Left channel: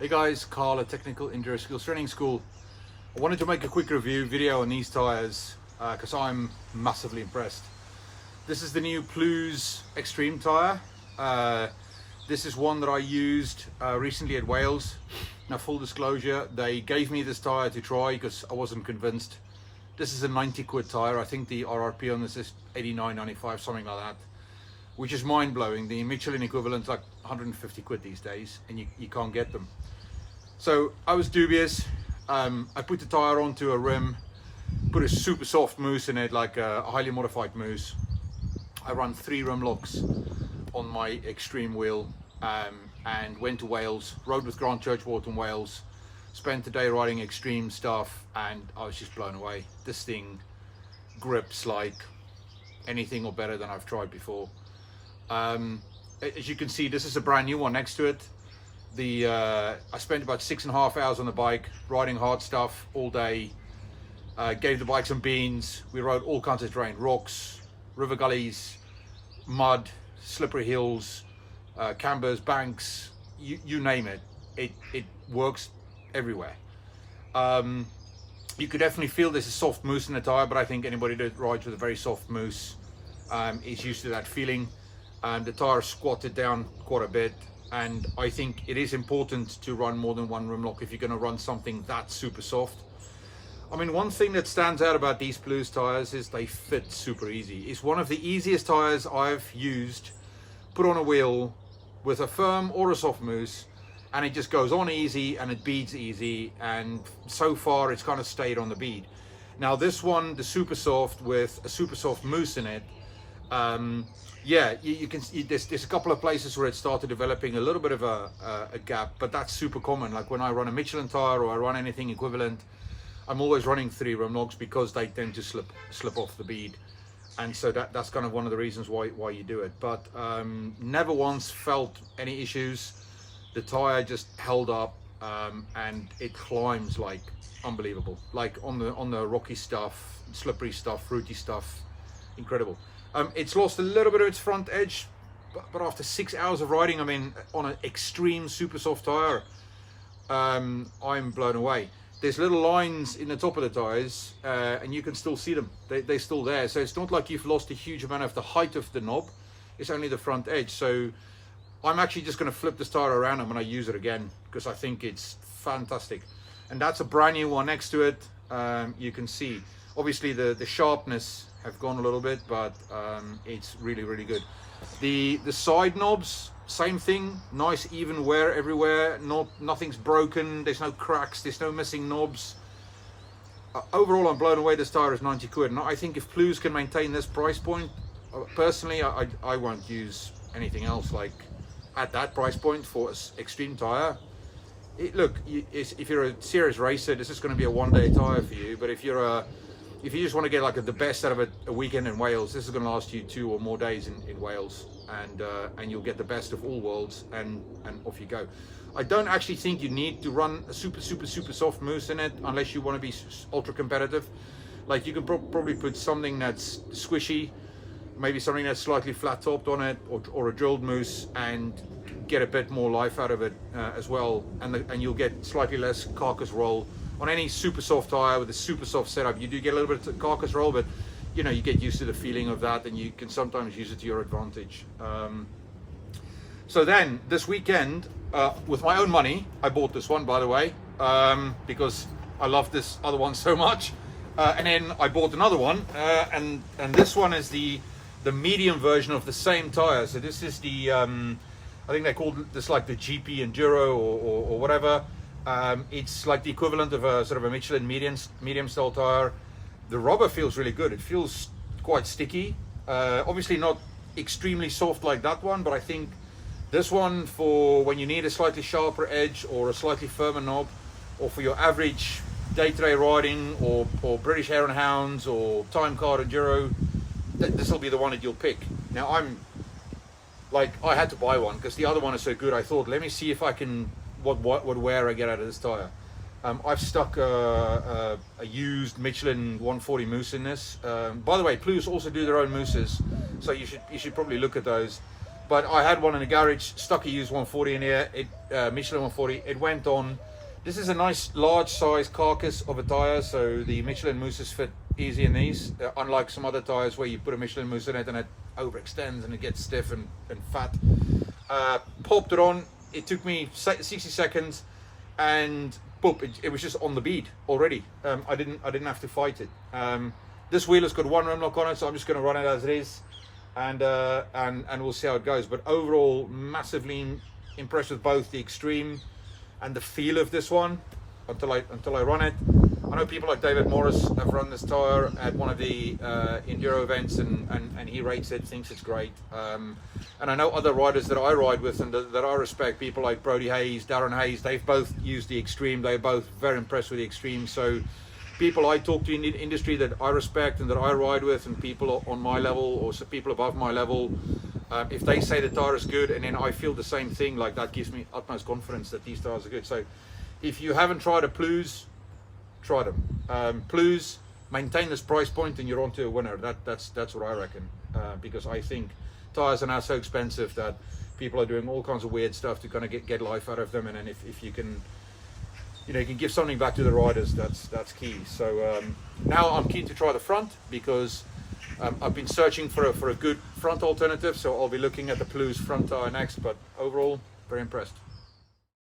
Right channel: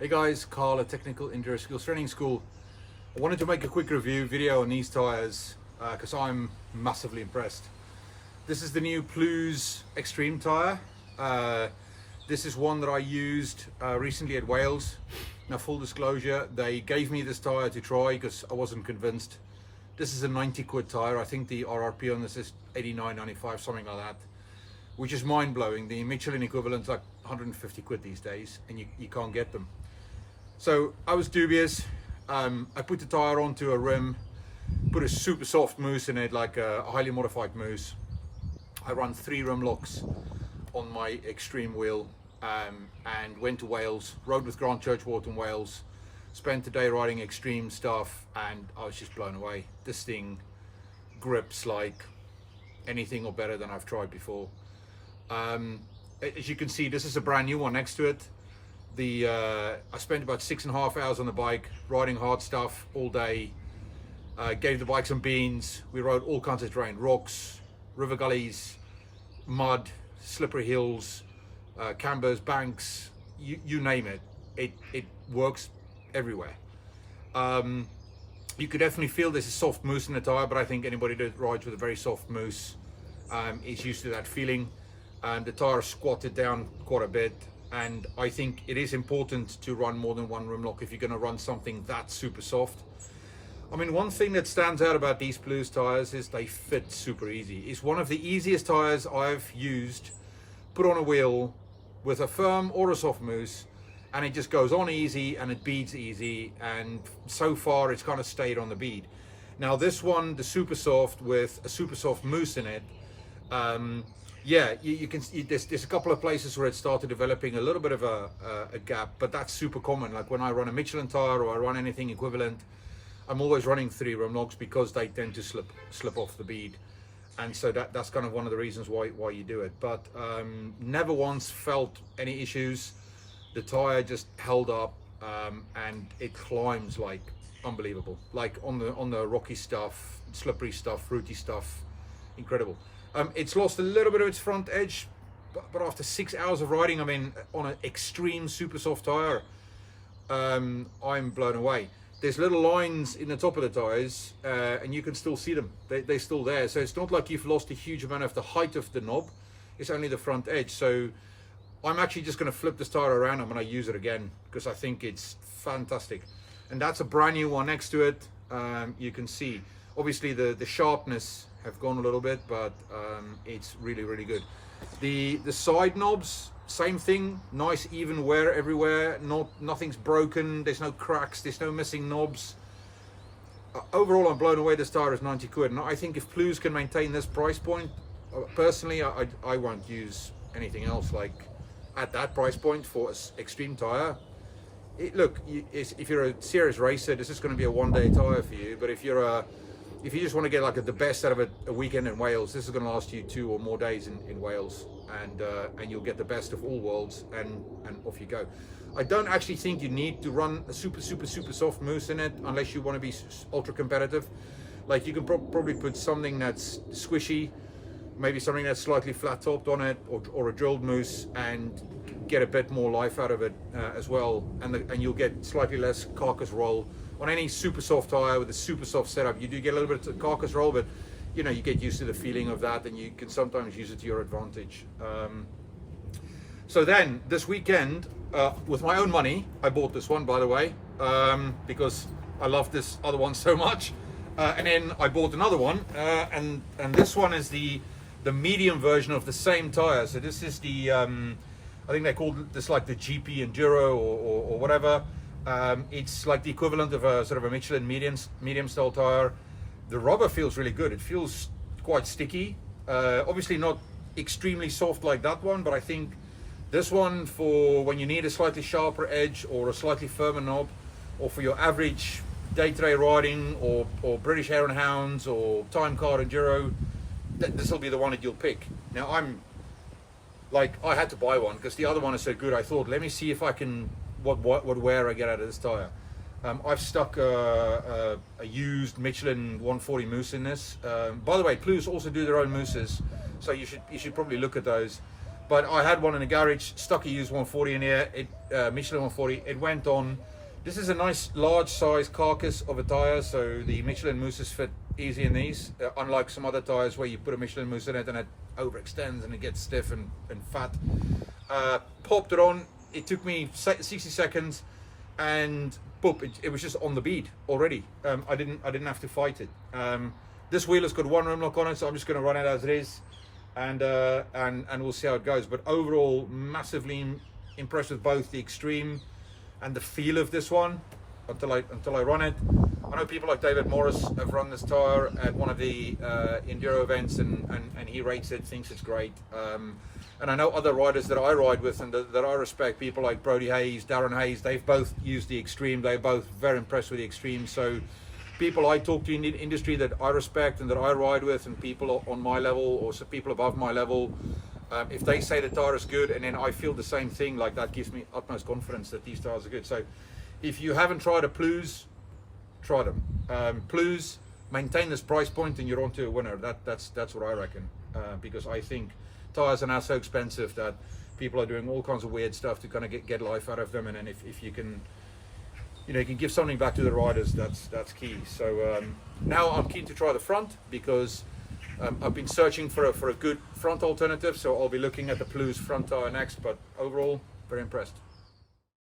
Hey guys, Carl at Technical Enduro Skills Training School. I wanted to make a quick review video on these tyres because I'm massively impressed. This is the new Plews Extreme tyre. This is one that I used recently at Wales. Now, full disclosure, they gave me this tyre to try because I wasn't convinced. This is a 90 quid tyre. I think the RRP on this is 89.95, something like that, which is mind-blowing. The Michelin equivalent's like 150 quid these days, and you can't get them. So I was dubious. I put the tyre onto a rim, put a super soft mousse in it, like a highly modified mousse. I run 3 rim locks on my extreme wheel, and went to Wales, rode with Grant Churchward in Wales, spent the day riding extreme stuff, and I was just blown away. This thing grips like anything or better than I've tried before. As you can see, this is a brand new one next to it. I spent about 6.5 hours on the bike, riding hard stuff all day. Gave the bike some beans. We rode all kinds of terrain, rocks, river gullies, mud, slippery hills, cambers, banks, you name it. It works everywhere. You could definitely feel there's a soft mousse in the tire, but I think anybody that rides with a very soft mousse is used to that feeling. And the tire squatted down quite a bit, and I think it is important to run more than one rim lock if you're going to run something that super soft. I mean, one thing that stands out about these Plews tires is they fit super easy. It's one of the easiest tires I've used, put on a wheel with a firm or a soft mousse, and it just goes on easy and it beads easy, and so far it's kind of stayed on the bead. Now this one, the super soft with a super soft mousse in it, yeah, you can. There's a couple of places where it started developing a little bit of a gap, but that's super common. Like when I run a Michelin tire or I run anything equivalent, I'm always running 3 rim locks because they tend to slip off the bead, and so that's kind of one of the reasons why you do it. But never once felt any issues. The tire just held up, and it climbs like unbelievable. Like on the rocky stuff, slippery stuff, fruity stuff, incredible. It's lost a little bit of its front edge, but after 6 hours of riding, I mean, on an extreme super soft tire, I'm blown away. There's little lines in the top of the tires, and you can still see them. They're still there. So it's not like you've lost a huge amount of the height of the knob. It's only the front edge. So I'm actually just going to flip this tire around. I'm going to use it again because I think it's fantastic. And that's a brand new one next to it. You can see, obviously, the sharpness have gone a little bit, but it's really, really good. The side knobs, same thing, nice even wear everywhere. Nothing's broken. There's no cracks. There's no missing knobs. Overall, I'm blown away. This tire is 90 quid, and I think if Plews can maintain this price point, personally, I won't use anything else like at that price point for an extreme tire. Look, if you're a serious racer, this is going to be a one-day tire for you. But if you just want to get like the best out of a weekend in Wales, this is going to last you 2 or more days in Wales, and you'll get the best of all worlds, and off you go. I don't actually think you need to run a super soft mousse in it unless you want to be ultra competitive. Like you can probably put something that's squishy, maybe something that's slightly flat topped on it, or a drilled mousse, and get a bit more life out of it as well, and you'll get slightly less carcass roll. On any super soft tire with a super soft setup, you do get a little bit of carcass roll, but you know, you get used to the feeling of that, and you can sometimes use it to your advantage. So then this weekend, with my own money, I bought this one, by the way, because I love this other one so much, and then I bought another one, and this one is the medium version of the same tire. So this is the I think they called this like the GP Enduro or whatever. It's like the equivalent of a sort of a Michelin medium style tire. The rubber feels really good. It feels quite sticky. Obviously not extremely soft like that one, but I think this one, for when you need a slightly sharper edge or a slightly firmer knob, or for your average day-to-day riding or British Hare and Hounds or time card enduro, this will be the one that you'll pick. Now I had to buy one because the other one is so good. I thought, let me see if I can what wear I get out of this tire. I've stuck a used Michelin 140 mousse in this. By the way, Plews also do their own mousses, so you should probably look at those. But I had one in the garage, stuck a used 140 in here, Michelin 140. It went on. This is a nice large size carcass of a tyre, so the Michelin mousses fit easy in these, unlike some other tyres where you put a Michelin mousse in it and it overextends and it gets stiff and fat. Popped it on, it took me 60 seconds and boop, it was just on the bead already. I didn't have to fight it. This wheel has got one rim lock on it, so I'm just going to run it as it is, and we'll see how it goes. But overall, massively impressed with both the extreme and the feel of this one until I run it. I know people like David Morris have run this tyre at one of the enduro events, and he rates it, thinks it's great. And I know other riders that I ride with and that I respect, people like Brody Hayes, Darren Hayes, they've both used the extreme. They're both very impressed with the extreme. So people I talk to in the industry that I respect and that I ride with, and people on my level or people above my level, if they say the tyre is good and then I feel the same thing, like that gives me utmost confidence that these tyres are good. So if you haven't tried a Plews, try them. Plews, maintain this price point and you're onto a winner. That's what I reckon, because I think tyres are now so expensive that people are doing all kinds of weird stuff to kind of get life out of them, and then if you can, you can give something back to the riders, that's key. So now I'm keen to try the front, because I've been searching for a good front alternative, so I'll be looking at the Plews front tyre next. But overall, very impressed.